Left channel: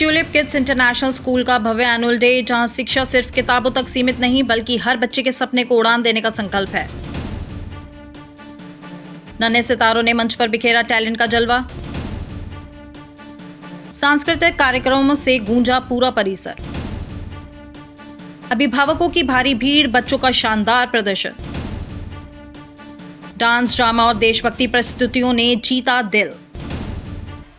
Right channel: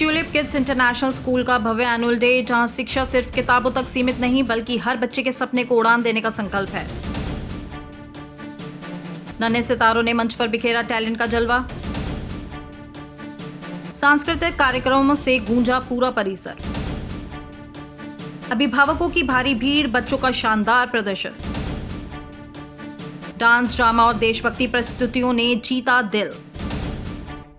Tulip kids international school का भव्य annual day, जहां शिक्षा सिर्फ किताबों तक सीमित नहीं बल्कि हर बच्चे के सपने को उड़ान देने का संकल्प है। नन्हे सितारों ने मंच पर बिखेरा टैलेंट का जलवा। सांस्कृतिक कार्यक्रमों से गूंजा पूरा परिसर। अभिभावकों की भारी भीड़, बच्चों का शानदार प्रदर्शन। डांस, ड्रामा और देशभक्ति प्रस्तुतियों ने जीता दिल।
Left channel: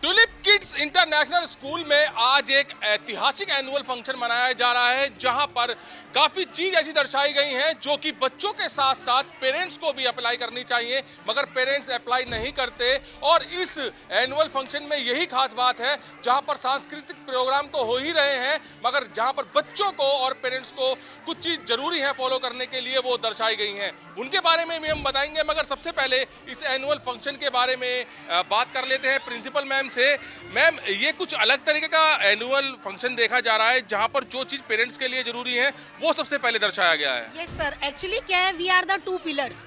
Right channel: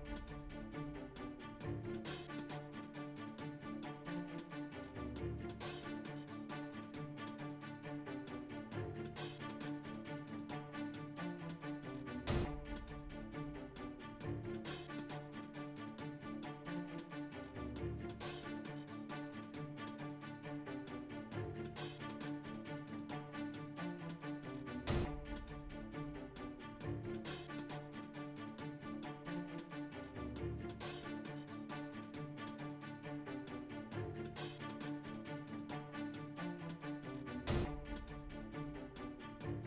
ट्यूलिप किड्स इंटरनेशनल स्कूल में आज एक ऐतिहासिक एनुअल फंक्शन मनाया जा रहा है, जहां पर काफी चीज ऐसी दर्शाई गई हैं जो कि बच्चों के साथ साथ पेरेंट्स को भी अप्लाई करनी चाहिए, मगर पेरेंट्स अप्लाई नहीं करते। और इस एनुअल फंक्शन में यही खास बात है, जहां पर सांस्कृतिक प्रोग्राम तो हो ही रहे हैं, मगर जहां पर बच्चों को और पेरेंट्स को कुछ चीज जरूरी है फॉलो करने के लिए, वो दर्शाई गई हैं। उनके बारे में भी हम बताएंगे, मगर सबसे पहले इस एनुअल फंक्शन के बारे में बात कर लेते हैं प्रिंसिपल मैम से। मैम, ये कुछ अलग तरीके का एनुअल फंक्शन देखा जा रहा है, जहां पर जो चीज पेरेंट्स के लिए जरूरी है वो सबसे पहले दर्शाया गया है। यस सर, एक्चुअली क्या है, we are the two pillars,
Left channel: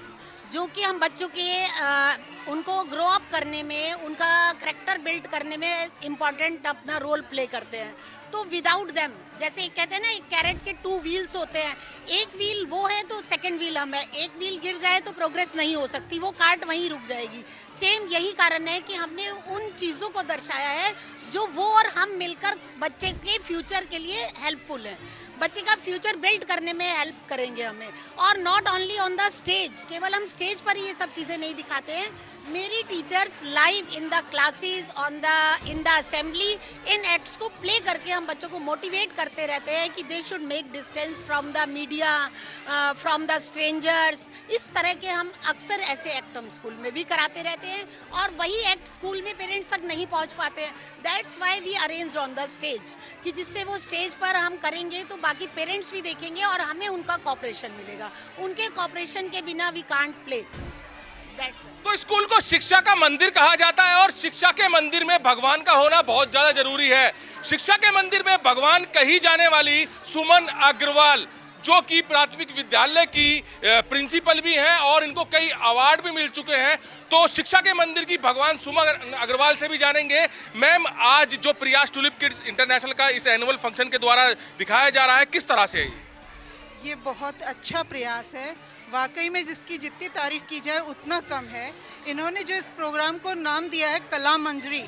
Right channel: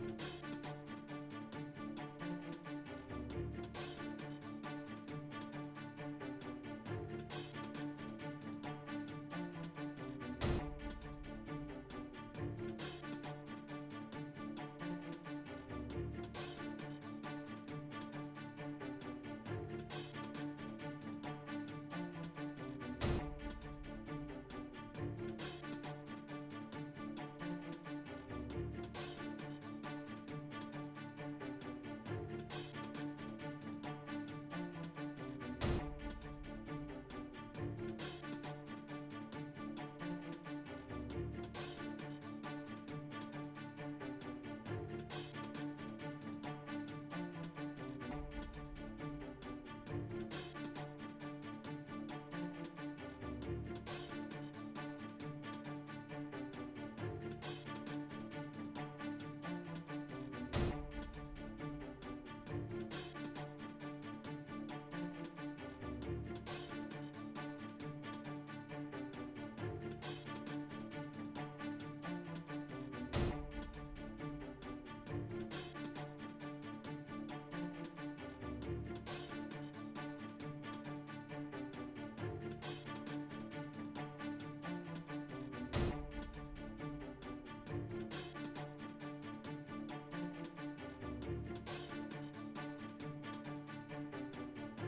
जो कि हम बच्चों के उनको ग्रो अप करने में, उनका करेक्टर बिल्ड करने में इम्पोर्टेंट अपना रोल प्ले करते हैं। तो विदाउट देम, जैसे कहते हैं ना, एक कैरेट के टू व्हील्स होते हैं, एक व्हील वो है तो सेकंड व्हील हम है, एक व्हील गिर जाए तो प्रोग्रेस नहीं हो सकती, वो कार्ट वहीं रुक जाएगी। सेम यही कारण है कि हमने उन चीज़ों को दर्शाया है जो वो और हम मिलकर बच्चे के फ्यूचर के लिए हेल्पफुल है, बच्चे का फ्यूचर बिल्ड करने में हेल्प करेंगे हमें। और not only on the stage, केवल हम स्टेज पर ही ये सब चीज़ें नहीं दिखाते हैं, मेरी teachers live in the classes, in the assembly, in acts को प्ले करके हम बच्चों को मोटिवेट करते रहते हैं कि they should make distance from the media, from the strangers. इस तरह के हम अक्सर ऐसे एक्ट हम स्कूल में भी कराते रहते हैं, और वही एक्ट स्कूल में पेरेंट्स तक नहीं पहुंच पाते हैं। That's why we arrange on the stage, कि जिससे वो स्टेज पर हम करेंगे तो बाकी पेरेंट्स भी देखेंगे और हमें उनका कॉपरेशन मिलेगा। उनके कॉपरेशन के बिना वी कांट प्ले। तो स्कूल को शिक्षा का मंदिर कहा जाता है, और शिक्षा के मंदिर में भगवान का होना बहुत ज्यादा जरूरी है। शिक्षा के मंदिर में भगवान कही जाने वाली सुमन अग्रवाल, जो कि प्राथमिक विद्यालय की प्रिंसिपल भी हैं और इनको कई अवार्ड भी मिल चुके हैं, तो शिक्षा के मंदिर की भगवान सुमन अग्रवाल से भी जानेंगे। मैम, आज जो प्रयास ट्यूलिप किड्स इंटरनेशनल का इस एनुअल फंक्शन के द्वारा दिखाया जा रहा है, किस तरह से? ये बहुत अच्छा प्रयास है, वाकई में जिसकी जितनी तारीफ की जाए उतना कम है। इन्होंने जो इस प्रोग्राम को नाम दिया है कला मंजरी,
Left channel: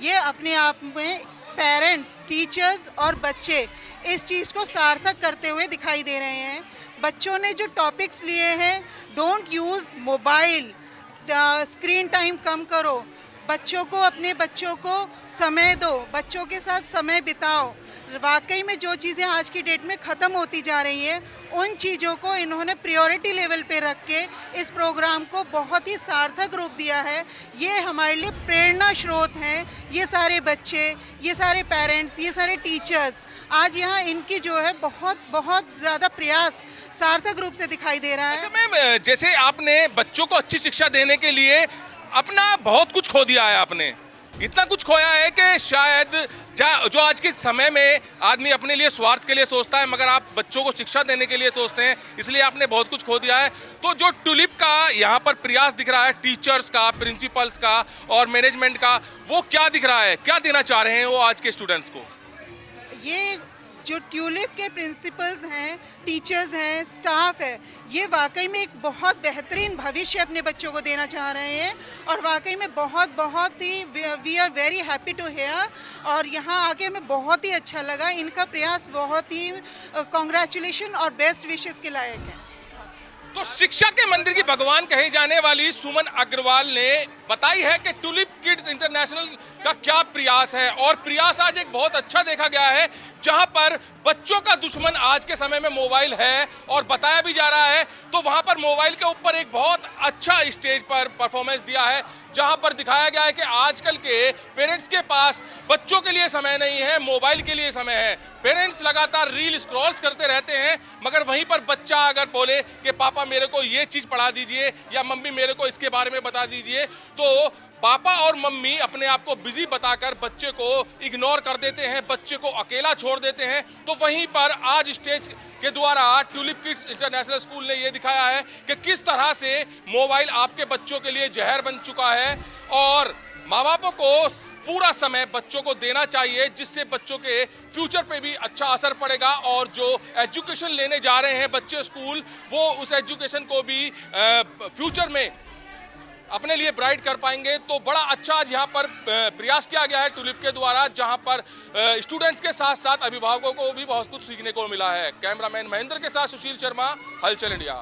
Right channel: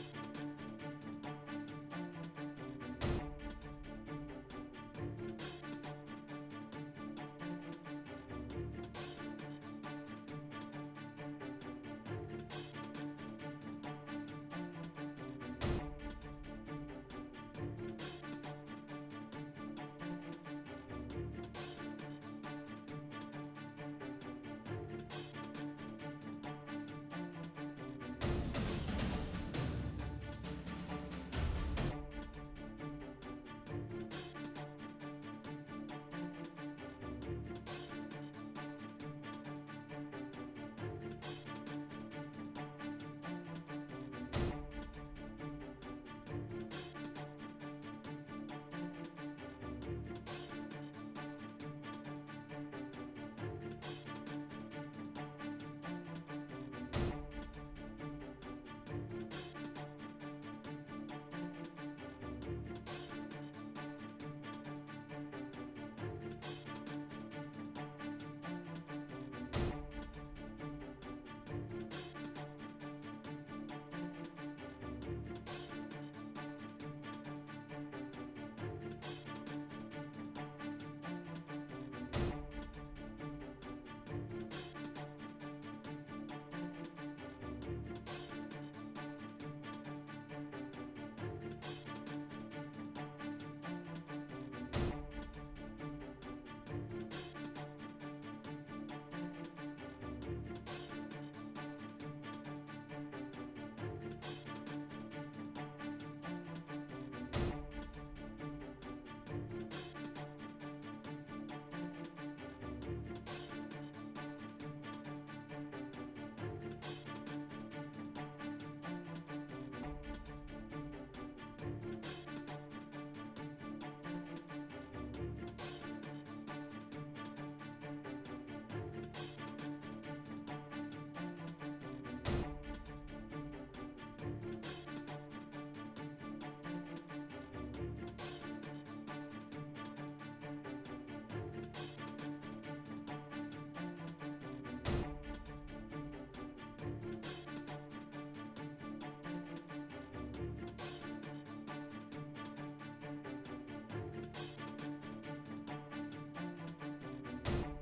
ये अपने आप में पेरेंट्स, टीचर्स और बच्चे इस चीज़ को सार्थक करते हुए दिखाई दे रहे हैं। बच्चों ने जो टॉपिक्स लिए हैं, don't use mobile, screen time कम करो, अपने बच्चों को समय दो, बच्चों के साथ समय बिताओ। वाकई में जो चीज़ें आज की डेट में ख़त्म होती जा रही हैं, उन चीज़ों को इन्होंने प्रायोरिटी लेवल पे रख के इस प्रोग्राम को बहुत ही सार्थक रूप दिया है। ये हमारे लिए प्रेरणा स्रोत हैं। ये सारे बच्चे, ये सारे पेरेंट्स, ये सारे टीचर्स, आज यहाँ इनकी जो है बहुत ज़्यादा प्रयास सार्थक रूप से दिखाई दे रहा है। अच्छा मैम, जैसे आपने बच्चों को अच्छी शिक्षा देने के लिए अपना बहुत कुछ खो दिया है, आपने इतना कुछ खोया है कि शायद जो आज के समय में आदमी अपने लिए स्वार्थ के लिए सोचता है, मगर आप बच्चों को शिक्षा देने के लिए सोचते हैं, इसलिए आपने बहुत कुछ खो दिया है। तो जो ट्यूलिप का यहाँ पर प्रयास दिख रहा है, टीचर्स का, प्रिंसिपल्स का और मैनेजमेंट का, वो क्या दिख रहा है, क्या देना चाह रहे हैं वो आज के स्टूडेंट्स को? ये जो ट्यूलिप के प्रिंसिपल्स हैं, टीचर्स हैं, स्टाफ है, ये वाकई में एक बहुत बेहतरीन भविष्य अपने बच्चों को देना चाह रहे हैं, और वाकई में बहुत ही we are very happy to here. और यहाँ आके हमें बहुत ही अच्छा लगा, इनका प्रयास बहुत ही कॉन्ग्रेचुलेशन और बेस्ट विशेस के लायक है। तो शिक्षा के मंदिर की भगवान कही जाने वाली सुमन अग्रवाल ने बताई है कि ट्यूलिप किड्स इंटरनेशनल का क्या प्रयास है, और प्रयास आज एक बहुत अच्छा देखा गया है, जहां पर बच्चों का दुश्मन आज के समय में मोबाइल है और बताया भी जा रहा है। तो वहां पर मोबाइल के ऊपर एक बहुत अच्छा स्टेज पर परफॉर्मेंस दिया है, जहां पर दिखाया गया है कि आजकल के पेरेंट्स के पास बच्चों के लिए समय नहीं है, मोबाइल के लिए समय है। पेरेंट्स लगातार रील स्क्रॉल्स करते रहते हैं, मगर वहीं पर बच्चा अगर बोले कि पापा मेरे को ये चीज़ पढ़ा दीजिए या मम्मी मेरे को इसके बारे में बता दीजिए, तो पापा और मम्मी अपने आप को बिजी बताकर बच्चे को इग्नोर कर देते हैं, बच्चे को अकेला छोड़ देते हैं। तो वहीं पर आज स्टेज के द्वारा ट्यूलिप किड्स इंटरनेशनल स्कूल ने ये दिखाया है कि किस तरह से मोबाइल आपके बच्चों के लिए जहर बन चुका है, और माँ बापों को पूरा समय बच्चों को देना चाहिए, जिससे बच्चों के फ्यूचर पे भी अच्छा असर पड़ेगा और जो एजुकेशन लेने जा रहे हैं बच्चे स्कूल, वो उस एजुकेशन को भी फ्यूचर में अपने लिए ब्राइट कर पाएंगे। तो बड़ा अच्छा आज यहाँ पर प्रयास किया गया है टुलिप के द्वारा, जहाँ पर स्टूडेंट्स के साथ साथ अभिभावकों को भी बहुत कुछ सीखने को मिला है। कैमरामैन महेंद्र के साथ सुशील शर्मा, हलचल इंडिया।